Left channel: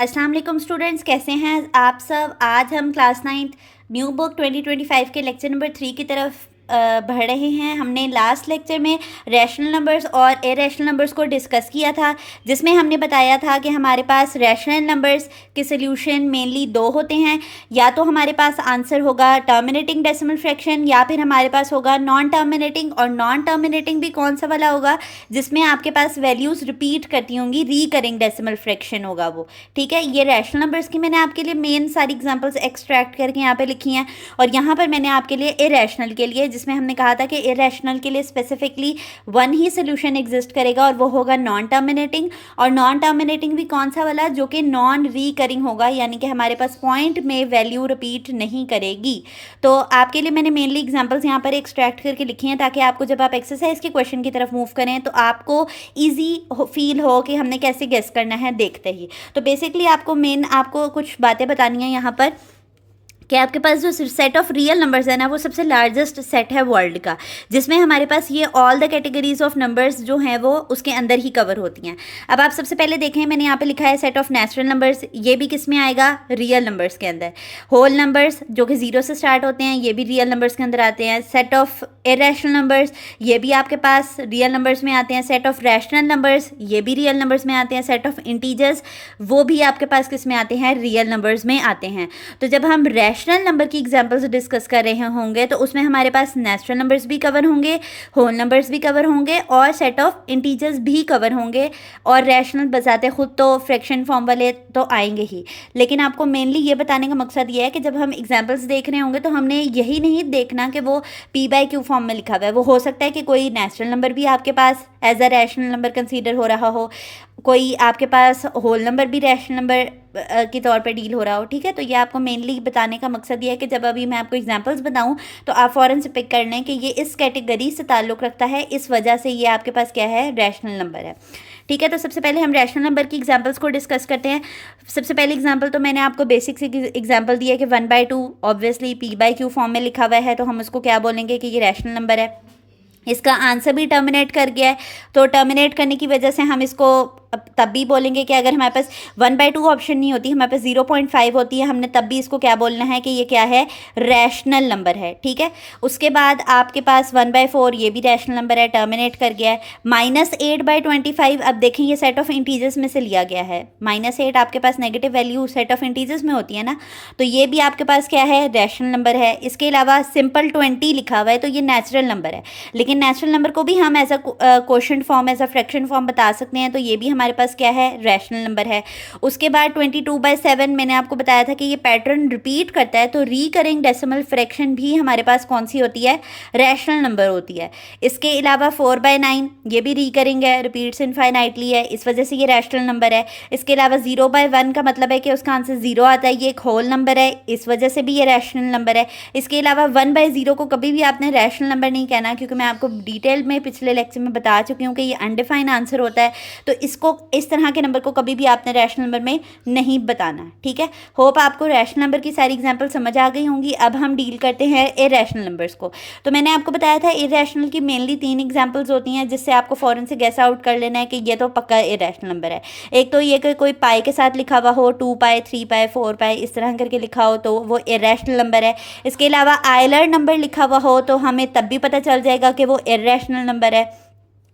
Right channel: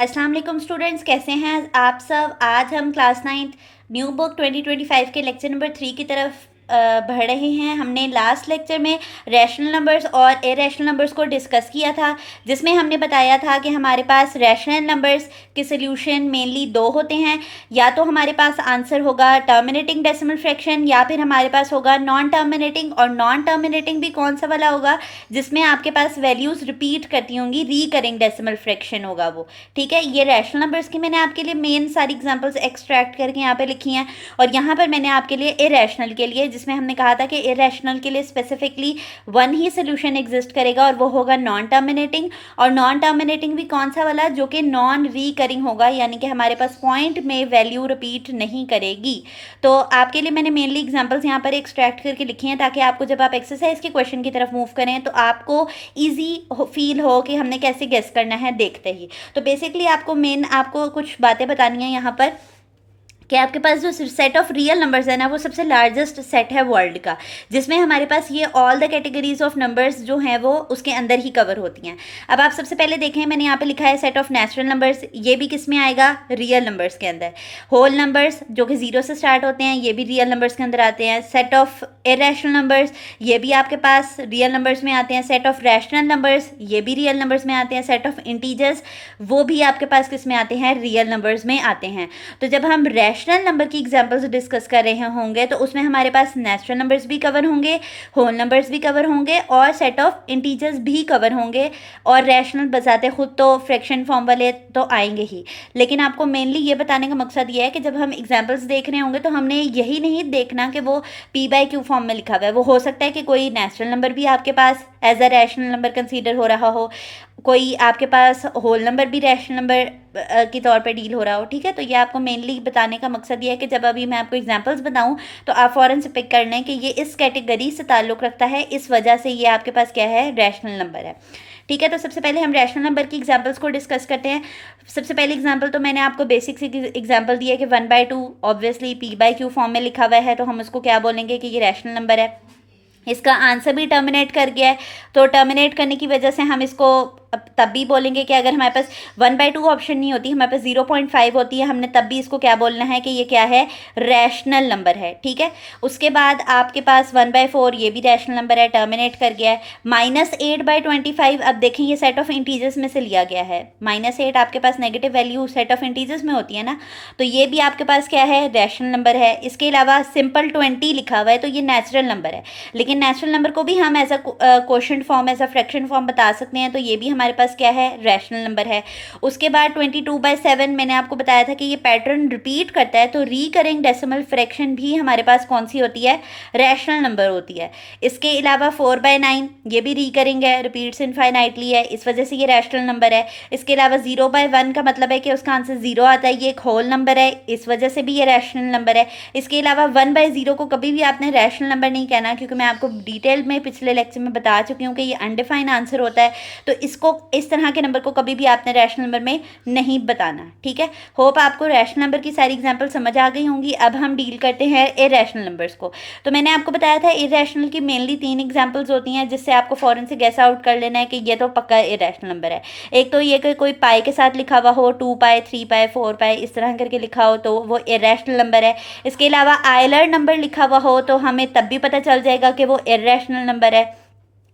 अस्सलाम वालेकुम स्टूडेंट्स, कैसे हैं आप सब। आज हम क्लास 9th न्यू बुक 2025 के लेक्चर नंबर 3 की तरफ बढ़ रहे हैं। हमने लास्ट लेक्चर में रैशनल नंबर्स और इरेशनल नंबर्स को डिस्कस किया था, जिसमें हमने बताया था कि हमारे पास रैशनल नंबर्स के सोल्यूशन मेनली दो होते हैं। या तो हमारे पास आंसर होगा टर्मिनेटिंग डेसिमल फ्रैक्शन, या फिर हमारे पास होगा नॉन टर्मिनेटिंग। और नॉन टर्मिनेटिंग भी कौन सा वाला होगा, जिसमें आपके पास वैल्यूज़ रिपीट करती होंगी, रीकरिंग डेसिमल फ्रैक्शन होगा वो। ठीक है, ये रैशनल नंबर्स की मैंने आपके लिए मेन सारी एग्जांपल्स एक्सट्रैक्ट करके यहाँ पे लिखी हैं। और यहाँ पर मैंने आपके लिए इरेशनल के लिए, जिसमें हमने कहा था कि इरेशनल के लिए स्पेसिफिकली वन ही सोल्यूशन एग्जिस्ट करेगा और वो होगा नॉन टर्मिनेटिंग। और नॉन टर्मिनेटिंग भी कौन सा वाला, जो कि नॉन रीकरिंग होगा, यानी कि हमारे पास पॉइंट में वैल्यू रिपीट नहीं करेगी। तो आपके लिए मैंने मेनली एग्जाम्पल्स यहाँ पर एक्सट्रैक्ट करके लिखी हैं, ताकि आपको जब आप एक्सरसाइज के क्वेश्चन की तरफ मूव करें तो आपको ईजी फील हो कि हमने कैसे गेस करना है देखते ही। तो बेसिकली आपको कुछ बातें बतानी है यहाँ पर कि आपके पास जो सेट ऑफ रियल नंबर्स है ना, वो सबसे लार्जेस्ट सेट है वर्ल्ड का, जिसमें हमारे पास ये all the categories of numbers जो हैं वो उसके अंदर ही कवर होती हैं। अब आप सबसे पहले देखें, मैंने यहाँ पे लिखा है सेट ऑफ नेचुरल नंबर्स। ये भी किस में आएगा, रियल नंबर्स के अंदर। होल नंबर्स जो कि 0 से स्टार्ट होते हैं, ये भी रियल नंबर्स के अंदर आते हैं। सेट ऑफ इरेशनल नंबर्स, ये भी आपके पास रियल नंबर्स में आते हैं। सेट ऑफ रैशनल नंबर्स, ये भी रियल नंबर्स में आते हैं। सेट ऑफ इंटीजर्स, वो भी आपके पास किस में आते हैं, रियल नंबर्स में आते हैं। तो जब हम रैशनल नंबर की एग्जांपल्स डिस्कस कर रहे होंगे तो उसमें हमारे पास नेचुरल नंबर्स भी कवर होंगे, होल नंबर्स भी कवर होंगे, और सेट ऑफ इंटीजर्स भी कवर होंगे। और रैशनल बजाते खुद तो फ्रैक्शन फॉर्म वाले तो आएंगे ही, लेकिन आपको मेनली ये बताने का मकसद ये है कि जब हम एग्जांपल्स देख रहे होंगे तो हमने यही नहीं देखना कि वो p/q फॉर्म में लिखा हुआ है। वो हो सकता है कि कोई नेचुरल नंबर भी आपके पास as a rational number consider हो रहा हो, कोई आपके पास होल नंबर भी रैशनल नंबर के तौर पे डील हो रहा हो। ठीक है, तो ये आपको मेनली बताने का मकसद ये है कि जब अभी मैं आपको एग्जांपल्स बताऊं तो आप फ़ौरन से पिक कर लें कि ये इस कैटेगरी से ताल्लुक़ रखता है, इस वजह से ये आपके पास क्या है, रैशनल नंबर है। ठीक है, तो सबसे पहले हम रैशनल नंबर की एग्जांपल्स को डिस्कस करते हैं। सबसे पहले एग्जांपल तो मैंने आपको बेसिक सी एग्जांपल दी है कि 1/2 ऑब्वियसली p/q फॉर्म में लिखा हुआ है, तो हम उसको क्या बोलेंगे कि ये रैशनल नंबर है। इसका आंसर भी टर्मिनेट कर गया है, तो टर्मिनेट करने की वजह से हम इसको तब भी बोलेंगे कि अगर हमारे पास 1/2 ऑप्शन नहीं होती, हमारे पास 0.5 होती है, हमने तब भी इसको क्या बोलना है कि ये क्या है, रैशनल नंबर है। ठीक है, उसके बाद आपके पास 1/4, ये भी रैशनल नंबर है, टर्मिनेट कर गया है। -8/25, अब देखें ये सेट ऑफ इंटीजर्स में से लिया गया है। -8 आपके पास negative value set of integers में होती है ना, तो ये भी आपके पास क्या है, रैशनल नंबर है। इसके अलावा सिंपल 20 लिखा हुआ है, तो ये नेचुरल नंबर है, लेकिन नेचुरल नंबर को भी हम as a quotient form, as a fraction form बता सकते हैं, तो ये भी हमारे पास क्या है, रैशनल नंबर है। उसके बाद 22/7 मैंने आपको बताया था कि ये पैटर्न रिपीट करता है, तो रीकरिंग डेसिमल फ्रैक्शन भी हमारे पास कौन सी होती है, रैशनल नंबर होती है। इसके अलावा 4/9 ये भी रीकरिंग है, रिपीट्स इनफाइनाइटली है, इस वजह से ये रैशनल नंबर है। इसके अलावा 0/1 का मतलब है कि उसका आंसर 0 आता है, ये एक होल नंबर है, इस वजह से भी ये रैशनल नंबर है। इसके अलावा 1/0 को कभी भी आपने रैशनल नंबर नहीं कहना, क्योंकि मैं आपको डिटेल में पिछले लेक्चर में बता चुकी हूँ कि ये अनडिफाइंड आंसर होता है, तो इसको इस तरह के नंबर को कभी भी आपने रैशनल नंबर में नहीं बताना। ठीक है, होप आपको रैशनल नंबर की सारी एग्जांपल समझ आ गई होंगी। अब हम डील करते हैं इरेशनल नंबर्स को। तो मैंने आपको बताया था इरेशनल की मेनली 3 एग्जांपल्स होती हैं, जिससे आपको फ़ौरन से गैस आउट कर लेना है कि ये तो पक्का इरेशनल नंबर है। एक तो ये कि कोई पाई के साथ लिखा हुआ हो, 2π 3π 4π इस तरह करके लिखा हो, तो वो इरेशनल नंबर है। इसके अलावा आयलर नंबर लिखा हुआ हो, तो हमें तब भी पता चल जाएगा कि वो इरेशनल नंबर है।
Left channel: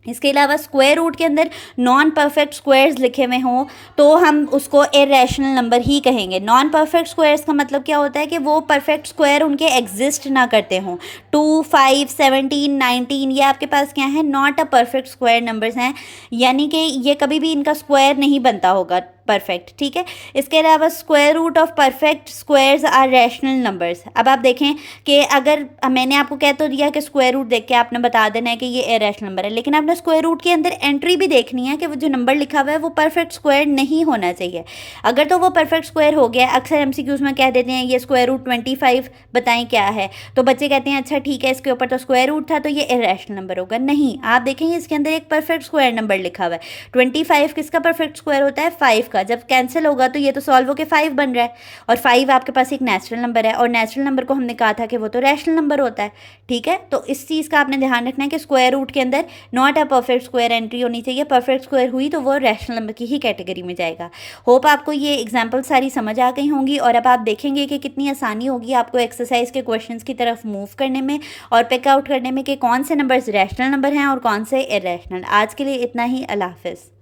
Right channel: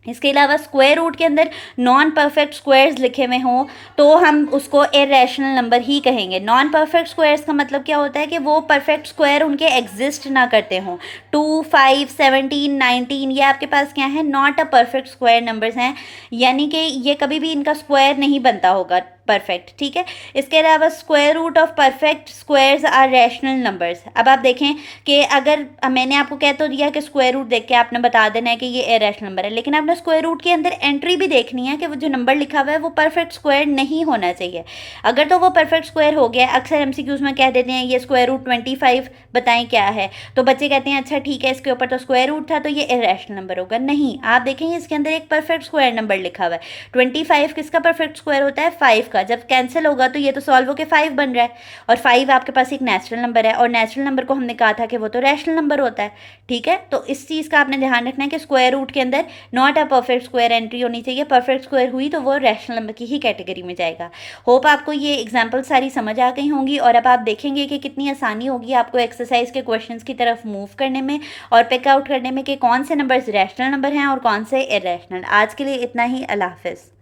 इसके अलावा स्क्वायर रूट के अंदर नॉन परफेक्ट स्क्वायर्स लिखे हुए हों, तो हम उसको इरेशनल नंबर ही कहेंगे। नॉन परफेक्ट स्क्वायर्स का मतलब क्या होता है कि वो परफेक्ट स्क्वायर उनके एग्जिस्ट ना करते हों। 2, 5, 17, 19 ये आपके पास क्या है, not a perfect square numbers हैं, यानी कि ये कभी भी इनका स्क्वायर नहीं बनता होगा परफेक्ट। ठीक है, इसके अलावा square root of perfect squares are rational numbers. अब आप देखें कि अगर मैंने आपको कह तो दिया कि स्क्वायर रूट देख के आपने बता देना है कि ये इरेशनल नंबर है, लेकिन आपने स्क्वायर रूट के अंदर एंट्री भी देखनी है कि वो जो नंबर लिखा हुआ है वो परफेक्ट स्क्वायर नहीं होना चाहिए। अगर तो वो परफेक्ट स्क्वायर हो गया, अक्सर एमसीक्यूज में कह देते हैं ये स्क्वायर रूट 25 बताएं क्या है, तो बच्चे कहते हैं अच्छा ठीक है, इसके ऊपर तो स्क्वायर रूट था तो ये इरेशनल नंबर होगा। नहीं, आप देखें इसके अंदर एक परफेक्ट स्क्वायर नंबर लिखा हुआ है। 25 किसका परफेक्ट स्क्वायर होता है, 5 का, जब कैंसिल होगा तो ये तो सॉल्व होकर 5 बन रहा है, और 5 आपके पास एक नेचुरल नंबर है, और नेचुरल नंबर को हमने कहा था कि वो तो रैशनल नंबर होता है, ठीक है। तो इस चीज़ का आपने ध्यान रखना है कि स्क्वायर रूट के अंदर not a perfect square entry होनी चाहिए, परफेक्ट स्क्वायर हुई तो वो रैशनल नंबर की ही कैटेगरी में जाएगा। होप आपको ये एग्जाम्पल सारी समझ आ गई होंगी, और अब आप देखेंगे कि कितनी आसानी होगी आपको एक्सरसाइज के क्वेश्चंस की तरफ मूव करने में और पिक आउट करने में कि कौन से नंबर्स रैशनल नंबर हैं और कौन से इरेशनल। आज के लिए इतना ही, अल्लाह हाफिज़।